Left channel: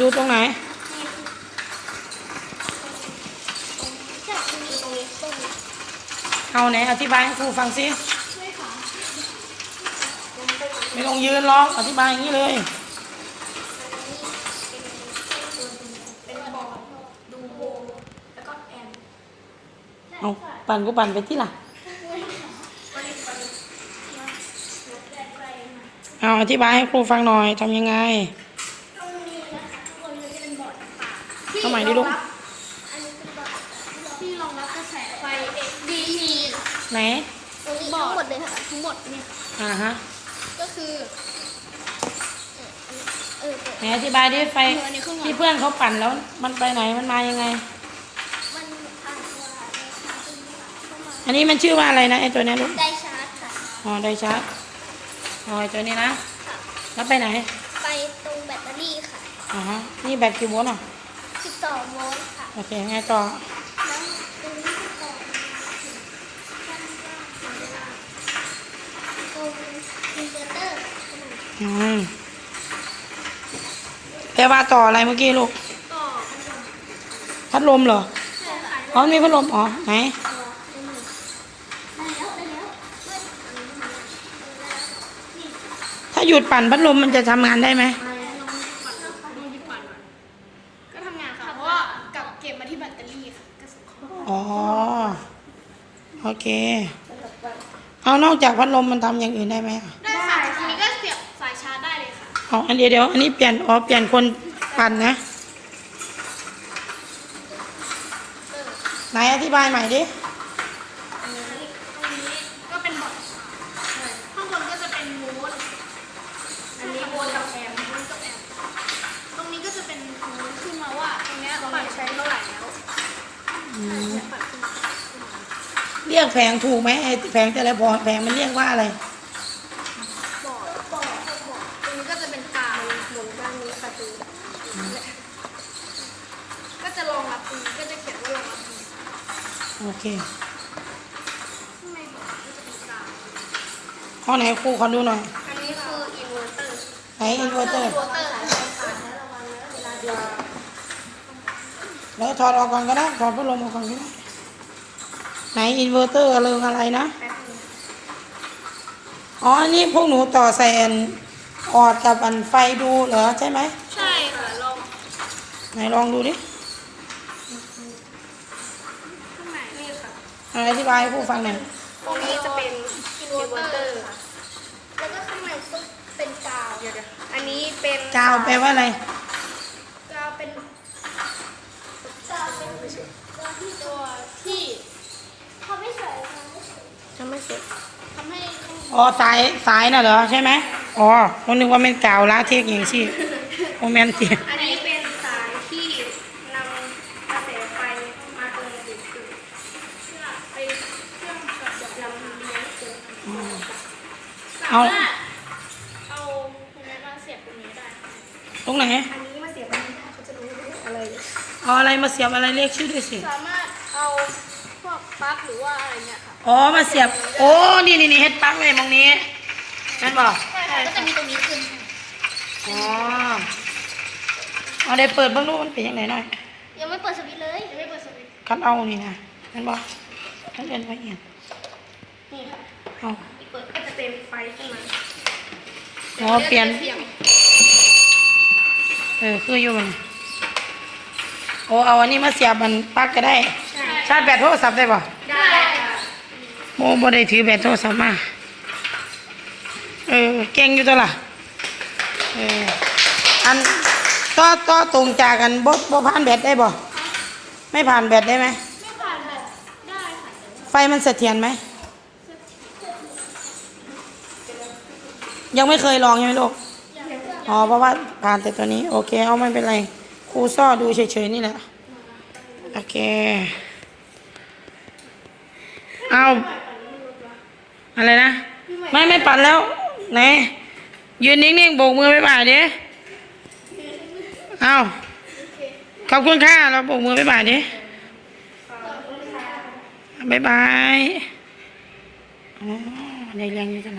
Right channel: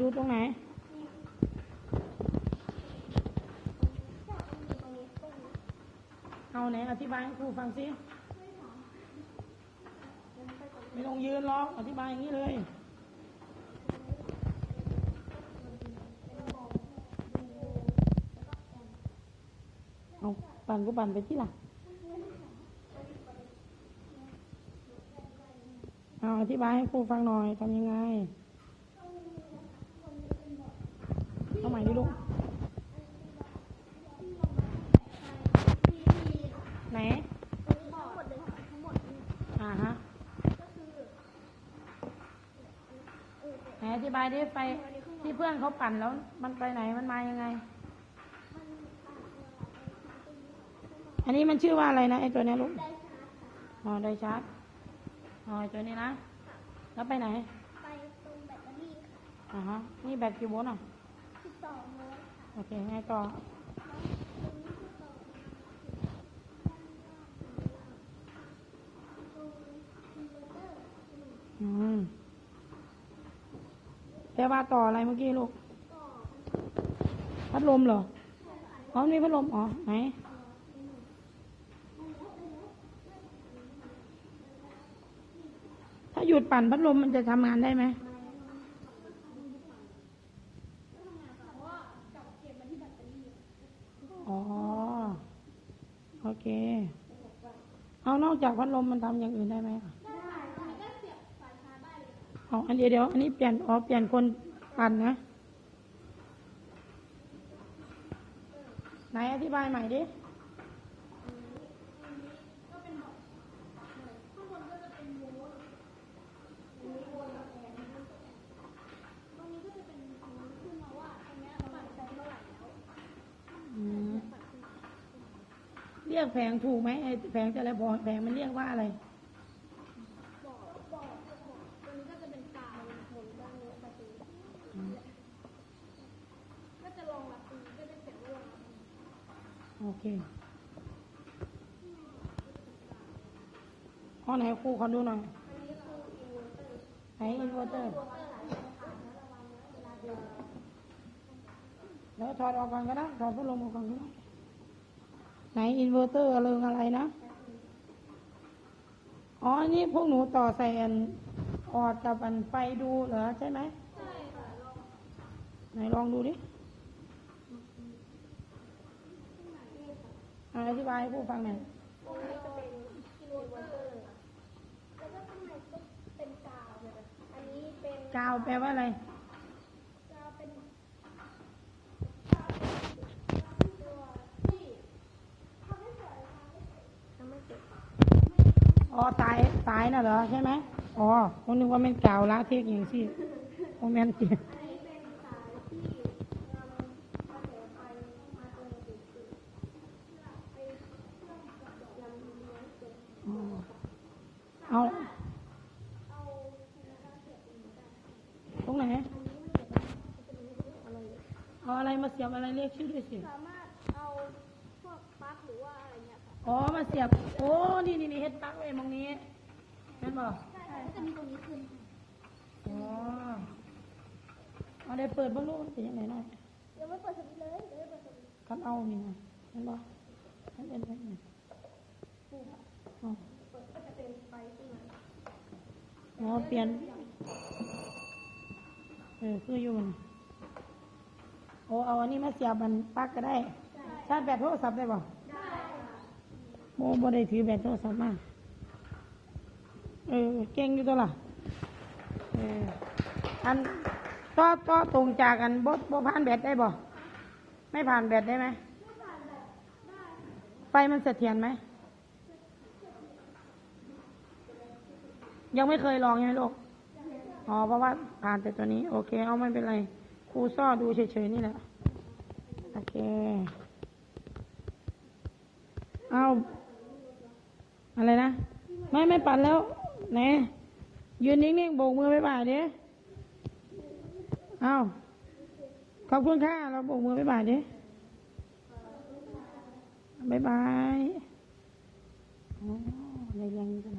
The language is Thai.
ดูตรงไหนจับมีตรงนี้ตรงนี้เอาไหนอธิบายให้ครูฟังสิไม่ค่ะไม่ต้องยืนหรอกอธิบายอย่างนี้เลยเอลดูโบแล้วก็แอมเอาปั่นก็ปั่นไปที่ล่ะเอาอธิบายให้ครูฟังหน่อยทำยังไง เอาใหม่ดิลูกอันนี้เป็นบอร์ดที่รองรับกระแสไฟ DC ไหนตรงนี้ทั้งหมดเลยค่ะทั้งหมดเนี่ยอ่าฮะก็คือเออไหนอธิบายดิไฟที่เพื่อนเขาปั่นแล้วมันไปไหนมันมายังไงมันอาจจะอันนี้มันชื่อว่าอะไรนะไอตัวเนี้ยลูกได้ชาร์จค่ะอ๋อไดชาร์จอ๋อไอตัวนี้นะค่ะแล้วไปไหน ไปตรงแบตเตอรี่ค่ะอ๋อฮะนี่แบตกี่โวลต์อะ 12โวลต์ค่ะโอเคไงต่อแล้วตรงนี้ต่อตรงอินเวอร์เตอร์อืมแปลว่าต่ออะไรเมื่อกี้ลูก ต่อพัดลมเหรอใช่ค่ะอ๋อมีพัดลมอ๋อไหนถ้าหยุดปั่นพัดลมมันจะทำงานได้ไหมทำงานค่ะ เพราะว่ากลับ เก็บมาที่แบตเตอรี่ค่ะก็ส่งเข้าอ๋อ โอเคเอานอกจากพัดลมมันทำอย่างอื่นได้ไหมอะได้ค่ะทีนี้ก็เสียบสายชาร์จได้เลยค่ะ เอาอันเดียวเดียวอันนี้เปลี่ยนอ๋อเปลี่ยนคนปั่นนะ ไหนอธิบายใหม่ดิ ตรงนี้ก็เป็นบอร์ดข้างบนก็จะเป็นโวลต์อันนี้โวลต์กับแอมป์โวลต์กับแอมป์ตรงนี้ก็จะเป็นโวลต์ขึ้นมาว่าตรงเนี้ยปั่นใช้เท่าไหร่แล้ว อืม ปั่นขึ้นมา เรียกแผงถูกไหมไอ้แผงแต่ละพอแผงมันเรียกว่าอะไรบอร์ดบอร์ดบอตรงนี้ก็จะเป็นกาวบนด้านนี้ประตูก็จะรองรับตรงนี้ก็จะเขียนว่ารองรับตรงนี้โอเคข้างในบอก็จะเป็นกาวข้อไหนครูขอดูหน่อยอันนี้คืออินเวอร์เตอร์ไหนอินเวอร์เตอร์อินเวอร์เตอร์ค่ะแล้วถอดออกก่อนก็ได้ถอดพัดลมออกก่อนก็ได้ ไหนอินเวอร์เตอร์อะไรอะไรนะ อ๋ออันนี้พวกหนูต่อใส่อันออดกับอันไฟดูเหรอใช่ไหม ใช่ค่ะลองไหนลองดูดิข้างในนี่ค่ะเอาอธิบายให้ผู้ฟังหน่อย ตรงนี้จะเป็นอินเวอร์เตอร์ค่ะแล้วก็ข้างในก็เป็นกาวเดี๋ยวอันนี้เป็นกาวแปลว่าอะไร กาวเป็นกาวเป็นตัวที่ทำให้สวยทำให้สวยทำให้ อ๋อสายสายน่ะเหรอใช่ไหมอ๋อผมนึกว่าเป็นกาวลาเทกอย่างที่โมเมนต์เสียอันนี้เป็นสายที่นำกระแสไฟมาตรงจุดๆเพื่อไปเชื่อมกับลำเลี้ยงเสริมเอาสามารถเอาตรงนี้มาเสียบตรงนี้ได้ ตรงไหนอันนี้มาเสียบตรงนี้ได้เขาจะรู้ว่าอะไร เอาอะไรมาเสียบอะไรเรียกชื่อด้วยสิ สามารถเอาพวกปลั๊กห รือว่าอะไรเนี่ยค่ะอ๋อมาเสียบ โอ้ นี่นี่นี่เฮ็ดปลั๊กเลยมองนี้นั่นบอกใช่ค่ะก็จะมีตรงนี้ขึ้นอ๋อเอาได้เปิดเบ้างดูมันเป็นยังไงหน่อยยังไม่เปิดสวิตช์เลยยังไม่เปิดสวิตช์คันเอานี่นะนั่นบอกท่านเรียนไปเอียงนี่ค่ะเอาเปิดก็จะเป็นไฟขึ้นมาอ๋อเปลี่ยนเสียงเออคืออยู่มันโอ้เอาอันนี้มาเสียบมันปลั๊กก็ได้ใช่ชาร์จแบตโทรศัพท์ได้ป่ะได้ค่ะ โมบ่ได้ถือแบตโทรศัพท์มา เออ เก่งอยู่ตัวล่ะ เออ อันต่อต่อตรงจากกันบ่บ่ผ่านแบตได้บ่ ไม่ผ่านแบตได้ไหม ไม่ผ่านแบบได้ค่ะไฟมันเสถียรไหม ยังไม่เคยลองใช่ไหมลูก อ๋อ เพราะว่าผ่านแต่ตัวนี้ โอเค เอาไม่เป็นไร ครูซ่อดูเฉยๆนี่แหละ โอเค เอา อะไรนะ ไม่ไม่ปั่นแล้วไหนยืนนิ่งๆโบกมือไปบ่ายดิเอาขอบคุณค่ะเราโบกมือไปบ่ายดิบายบาย อ๋อในเรียงอยู่จังไหน